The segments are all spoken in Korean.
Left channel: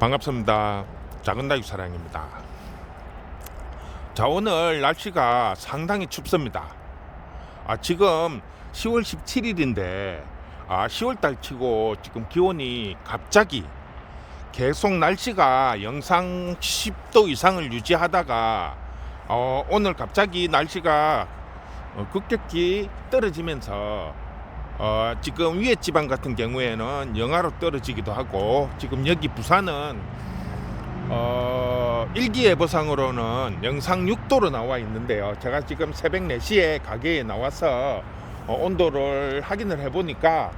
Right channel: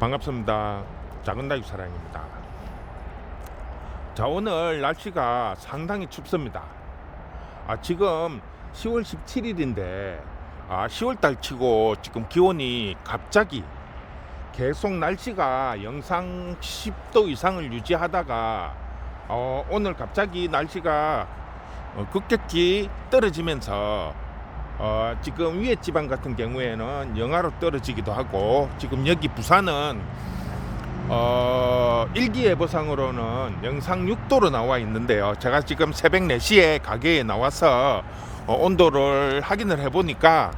반갑습니다. 작은 다육 사랑입니다. 자, 오늘 날씨가 상당히 춥습니다. 지금 10월 17일인데 10월달 치고 지금 기온이 갑자기 계속 날씨가 영상 10도 이상을 유지하다가 오늘 갑자기 날씨가 급격히 떨어지면서 지금 위에 지방 같은 경우에는 영하로 떨어지기도 하고, 지금 여기 부산은 일기예보상으로는 영상 6도로 나와 있는데요. 제가 지금 새벽 4시에 가게에 나와서 온도를 확인을 해보니까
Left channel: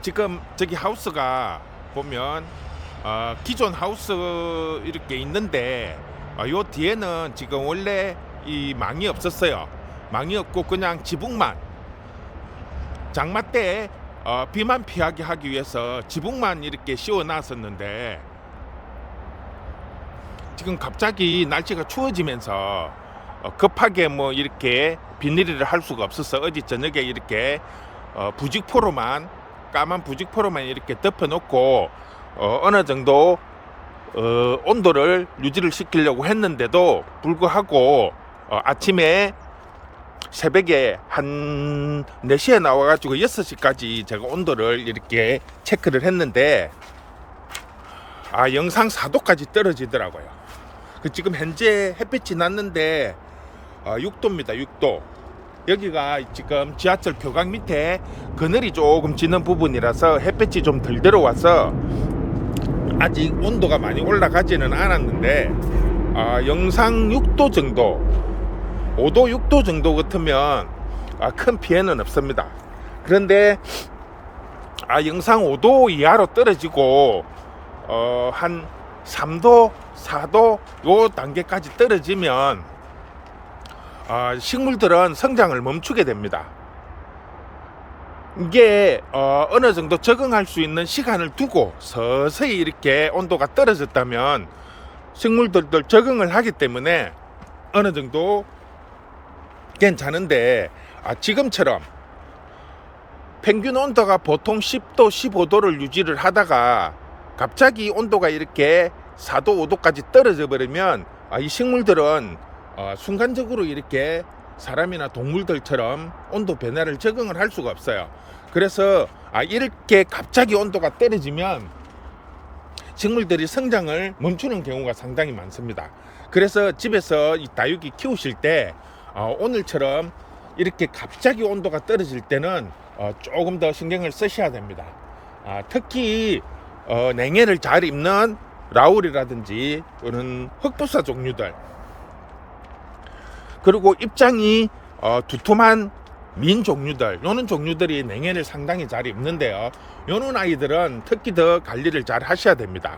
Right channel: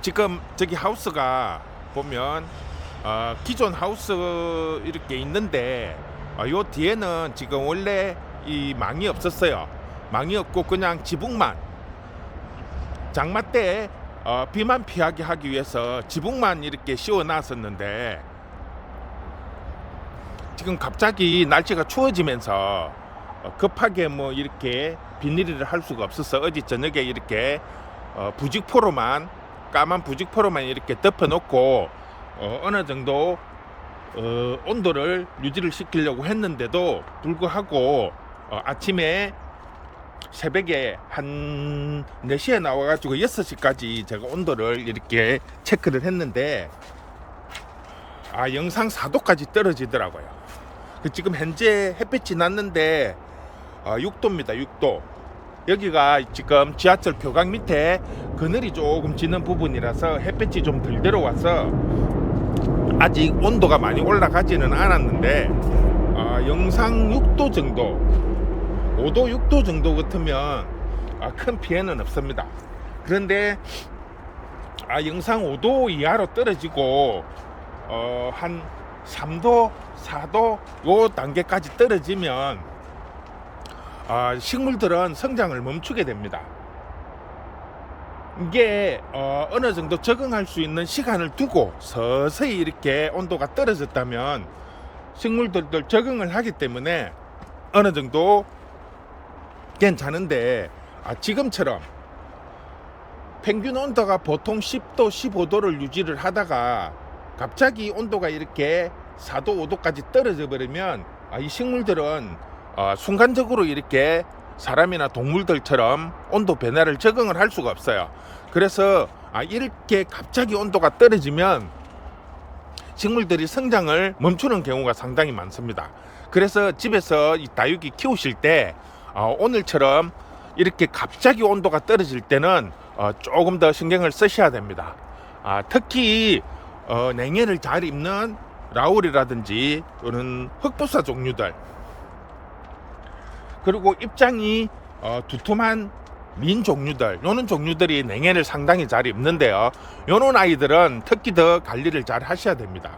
지금 저기 하우스가 보면 기존 하우스 이렇게 있는데 요 뒤에는 지금 원래 이 망이 없었어요. 망이 없고 그냥 지붕만, 장마 때 비만 피하게 하기 위해서 지붕만 이렇게 씌워 놨었는데, 지금 갑자기 날씨가 추워지면서 급하게 뭐 이렇게 비닐을 할 수가 없어서 어제 저녁에 이렇게 부직포로만, 까만 부직포로만 이렇게 덮어 놓고 어느 정도 온도를 유지를 시키려고 했는데도 불구하고 아침에 새벽에 한 4시에 나와가지고 6시까지 제가 온도를 이렇게 체크를 했는데 영상 4도까지 떨어지더라고요. 지금 현재 햇빛이 났는데 6도입니다. 6도. 여기가 지금 지하철 교각 밑에 그늘이 조금 지는 부분이라서 햇빛이 좀 덜 들어와서 아직 온도가 많이 올라가지는 않았는데 영상 6도 정도, 5도 6도 정도 같으면 큰 피해는 없습니다. 그런데 영상 5도 이하로 떨어지고 한 3도 4도 요 단계까지 떨어지면 식물들은 성장을 멈추게 됩니다. 이게 어느 정도 적응할 수 있는 시간을 두고 서서히 이렇게 온도가 떨어졌다면 식물들도 적응을 하기 때문에 어느 정도 괜찮은데, 지금처럼 평균 온도가 보통 10도 15도를 유지를 하다가 갑자기 온도가 이렇게 4도 5도까지 떨어져 버리면 이 식물들은 순간적으로 이렇게 사람이나 동물들처럼 온도 변화를 적응을 할 수가 없어요. 그래서 이렇게 갑자기 온도가 떨어지면 식물들이 성장을 멈추는 경우가 상당히 많습니다. 그래서 집에서 이 다육이 키우실 때 오늘처럼 이렇게 갑자기 온도가 떨어질 때는 조금 더 신경을 쓰셔야 됩니다. 특히 냉해를 잘 입는 라울이라든지 또는 흑부사 종류들, 그리고 입장이 두툼한 민 종류들, 요런 종류들이 냉해를 상당히 잘 입는데요. 요런 아이들은 특히 더 관리를 잘 하셔야 됩니다.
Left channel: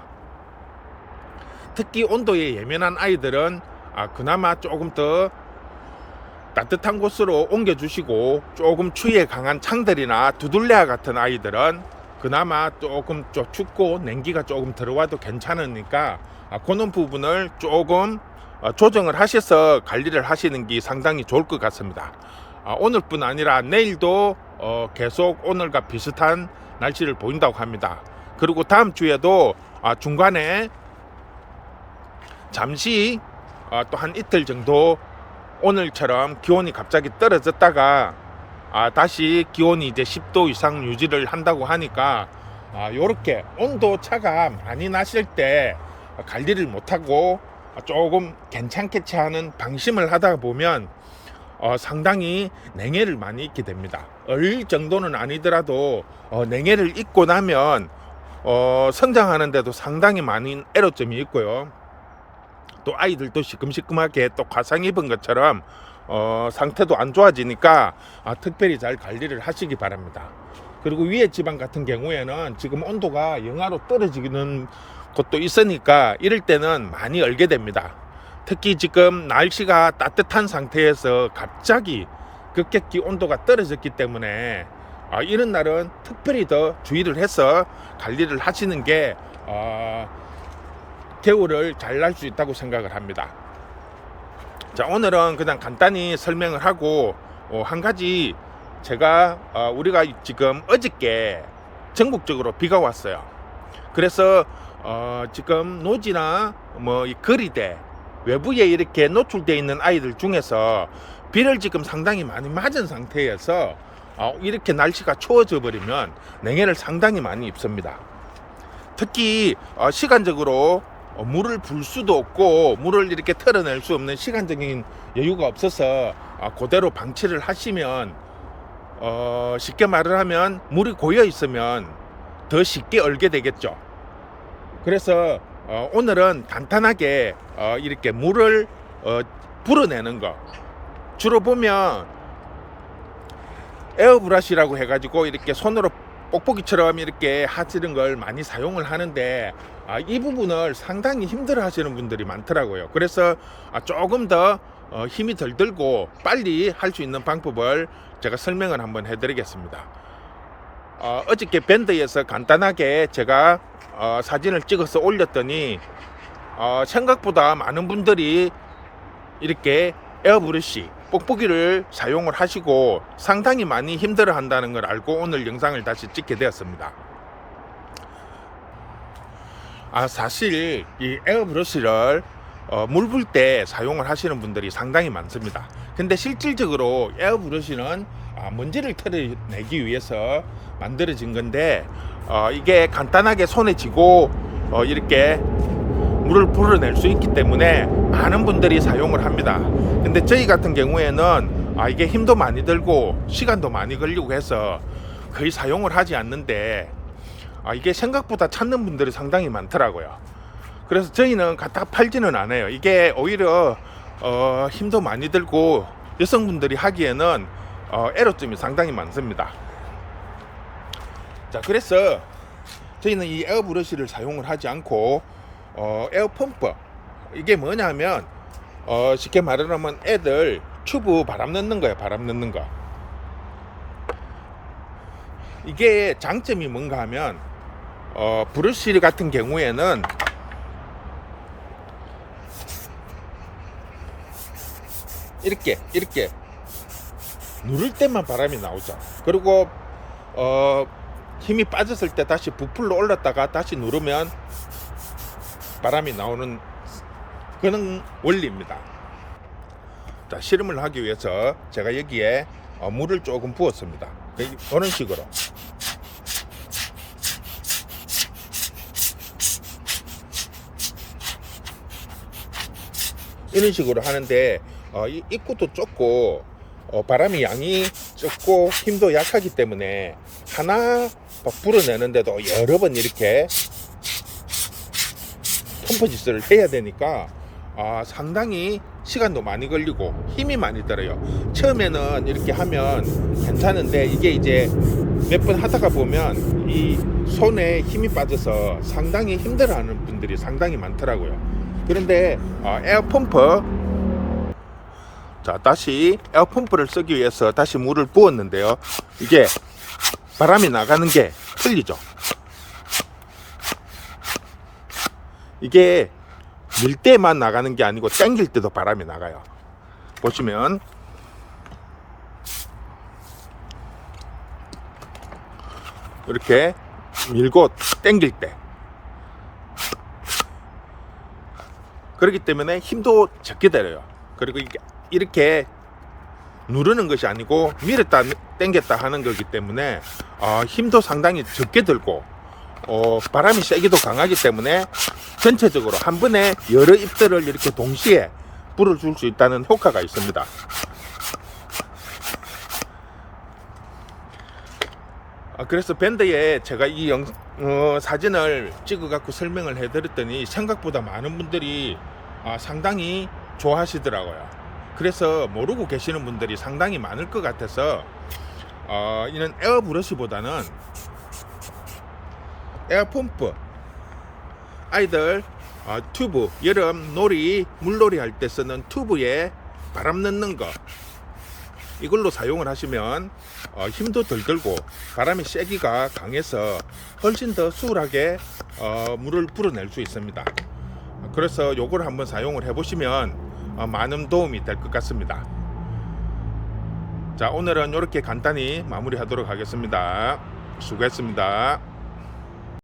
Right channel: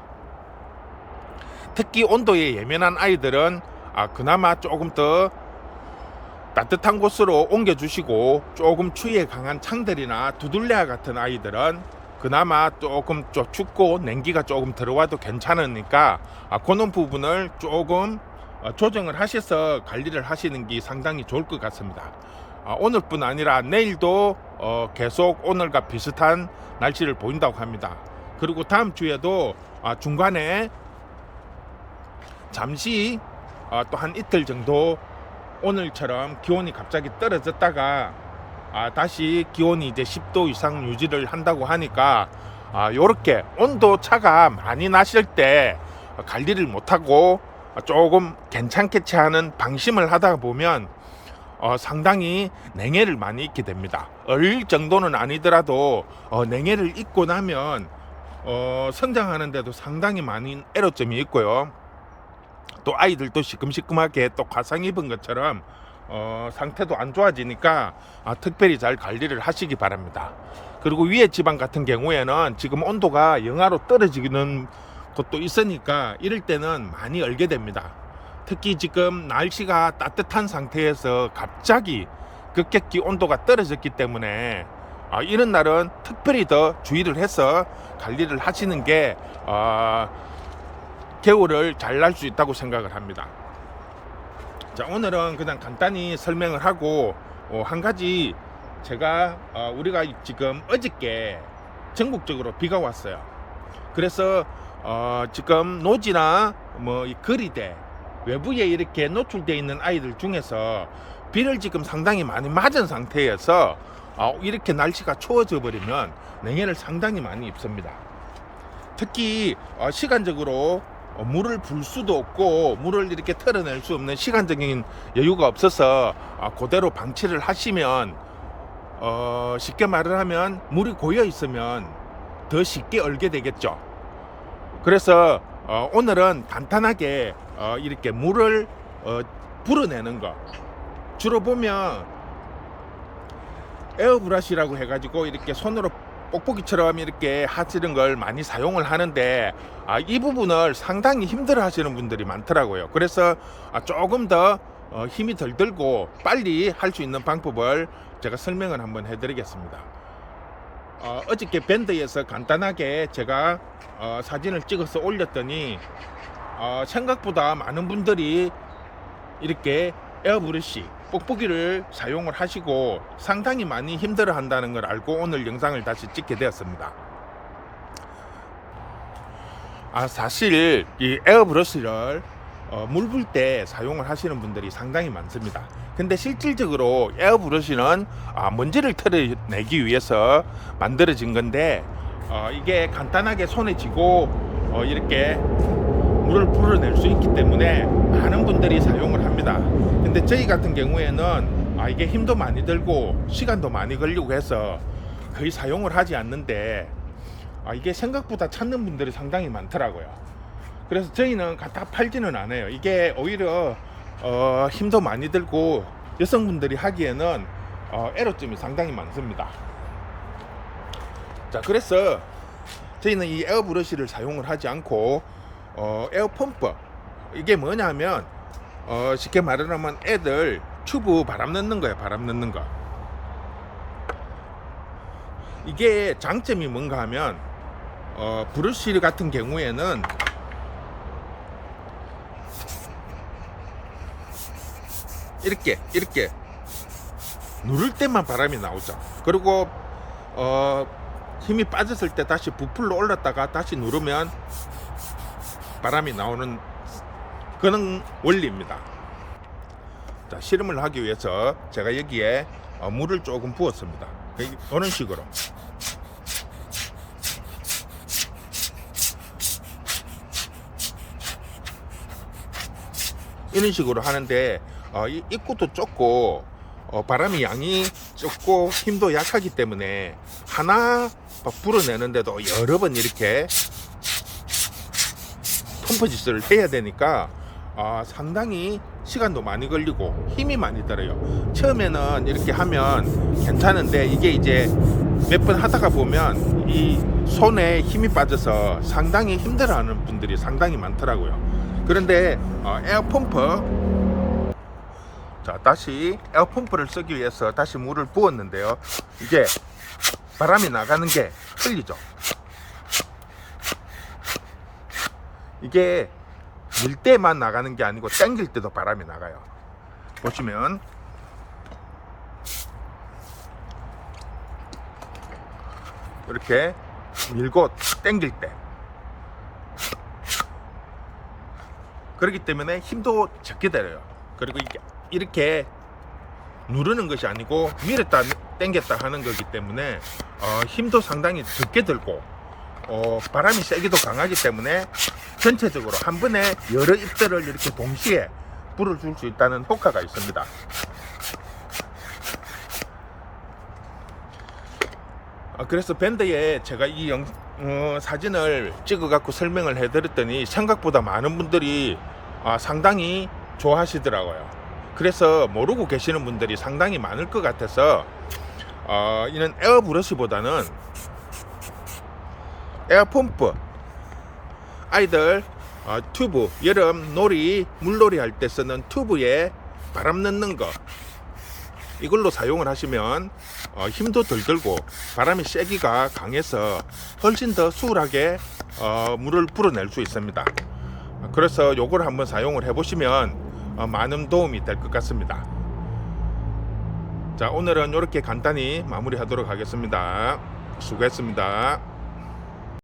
특히 온도에 예민한 아이들은 그나마 조금 더 따뜻한 곳으로 옮겨주시고, 조금 추위에 강한 창들이나 두들레아 같은 아이들은 그나마 조금 춥고 냉기가 조금 들어와도 괜찮으니까 그런 부분을 조금 조정을 하셔서 관리를 하시는 게 상당히 좋을 것 같습니다. 오늘뿐 아니라 내일도 계속 오늘과 비슷한 날씨를 보인다고 합니다. 그리고 다음 주에도 중간에 잠시 또 한 이틀 정도 오늘처럼 기온이 갑자기 떨어졌다가 다시 기온이 이제 10도 이상 유지를 한다고 하니까 요렇게 온도 차가 많이 나실 때 관리를 못하고 조금 괜찮겠지 하는 방심을 하다 보면 상당히 냉해를 많이 입게 됩니다. 얼 정도는 아니더라도 냉해를 입고 나면 성장하는데도 상당히 많은 애로점이 있고요. 또 아이들도 시큼시큼하게 또 화상 입은 것처럼 상태도 안 좋아지니까 특별히 잘 관리를 하시기 바랍니다. 그리고 위에 지방 같은 경우에는 지금 온도가 영하로 떨어지는 곳도 있으니까 이럴 때는 많이 얼게 됩니다. 특히 지금 날씨가 따뜻한 상태에서 갑자기 급격히 온도가 떨어졌기 때문에 이런 날은 특별히 더 주의를 해서 관리를 하시는 게 겨울을 잘 날 수 있다고 생각을 합니다. 자, 오늘은 그냥 간단히 설명을 하고 한 가지, 제가 우리가 지금 어저께 전국적으로 비가 왔어요. 그래서 지금 노지나 뭐 이 거리대 외부에 이렇게 노출되어 있는 아이들 중에서 비를 지금 상당히 많이 맞은 상태에서 이렇게 날씨가 추워져 버리면 냉해를 상당히 많이 입습니다. 특히 시간적으로 물을 불 수도 없고 물을 이렇게 털어낼 수 없는 시간적인 여유가 없어서 그대로 방치를 하시면 쉽게 말을 하면 물이 고여 있으면 더 쉽게 얼게 되겠죠. 그래서 오늘은 간단하게 이렇게 물을 불어내는 거, 주로 보면 에어브러시라고 해가지고 이렇게 손으로 뽁뽁이처럼 이렇게 하시는 걸 많이 사용을 하는데 이 부분을 상당히 힘들어 하시는 분들이 많더라고요. 그래서 조금 더 힘이 덜 들고 빨리 할 수 있는 방법을 제가 설명을 한번 해드리겠습니다. 어저께 밴드에서 간단하게 제가 사진을 찍어서 올렸더니 생각보다 많은 분들이 이렇게 에어브러시 뽁뽁이를 사용을 하시고 상당히 많이 힘들어 한다는 걸 알고 오늘 영상을 다시 찍게 되었습니다. 사실 이 에어브러시를 물 불 때 사용을 하시는 분들이 상당히 많습니다. 근데 실질적으로 에어브러시는 먼지를 털어내기 위해서 만들어진 건데 이게 간단하게 손에 쥐고 이렇게 물을 불어낼 수 있기 때문에 많은 분들이 사용을 합니다. 근데 저희 같은 경우에는 이게 힘도 많이 들고 시간도 많이 걸리고 해서 거의 사용을 하지 않는데 이게 생각보다 찾는 분들이 상당히 많더라고요. 그래서 저희는 갖다 팔지는 않아요. 이게 오히려 힘도 많이 들고 여성분들이 하기에는 애로점이 상당히 많습니다. 자, 그래서 저희는 이 에어브러시를 사용을 하지 않고 에어펌프, 이게 뭐냐면 쉽게 말하면 애들 튜브 바람 넣는 거예요. 바람 넣는 거. 이게 장점이 뭔가 하면 브러쉬 같은 경우에는 이렇게 누를 때만 바람이 나오죠. 그리고 힘이 빠졌을 때 다시 부풀러 올랐다가 다시 누르면 바람이 나오는 그런 원리입니다. 자, 실험을 하기 위해서 제가 여기에 물을 조금 부었습니다. 이런 식으로 이런 식으로 하는데 입구도 좁고 바람이 양이 적고 힘도 약하기 때문에 하나 불어내는데도 여러 번 이렇게 펌프 짓을 해야 되니까 상당히 시간도 많이 걸리고 힘이 많이 들어요. 처음에는 이렇게 하면 괜찮은데 이게 이제 몇 번 하다가 보면 이 손에 힘이 빠져서 상당히 힘들어하는 분들이 상당히 많더라고요. 그런데 에어펌프, 자, 다시 에어펌프를 쓰기 위해서 다시 물을 부었는데요. 이게 바람이 나가는 게 틀리죠. 이게 밀 때만 나가는 게 아니고 당길 때도 바람이 나가요. 보시면 이렇게 밀고 당길 때, 그렇기 때문에 힘도 적게 들어요. 그리고 이렇게 누르는 것이 아니고 밀었다 당겼다 하는 거기 때문에 힘도 상당히 적게 들고 바람이 세기도 강하기 때문에 전체적으로 한 번에 여러 입들을 이렇게 동시에 불어줄 수 있다는 효과가 있습니다. 그래서 밴드에 제가 이 사진을 찍어 갖고 설명을 해 드렸더니 생각보다 많은 분들이 상당히 좋아하시더라고요. 그래서 모르고 계시는 분들이 상당히 많을 것 같아서 이는 에어브러시보다는 에어펌프, 아이들 튜브, 여름 놀이 물놀이 할 때 쓰는 튜브에 바람 넣는 거, 이걸로 사용을 하시면 힘도 덜 들고 바람이 세기가 강해서 훨씬 더 수월하게 물을 불어낼 수 있습니다. 그래서 요걸 한번 사용을 해 보시면 많은 도움이 될 것 같습니다. 자, 오늘은 이렇게 간단히 마무리 하도록 하겠습니다. 수고했습니다.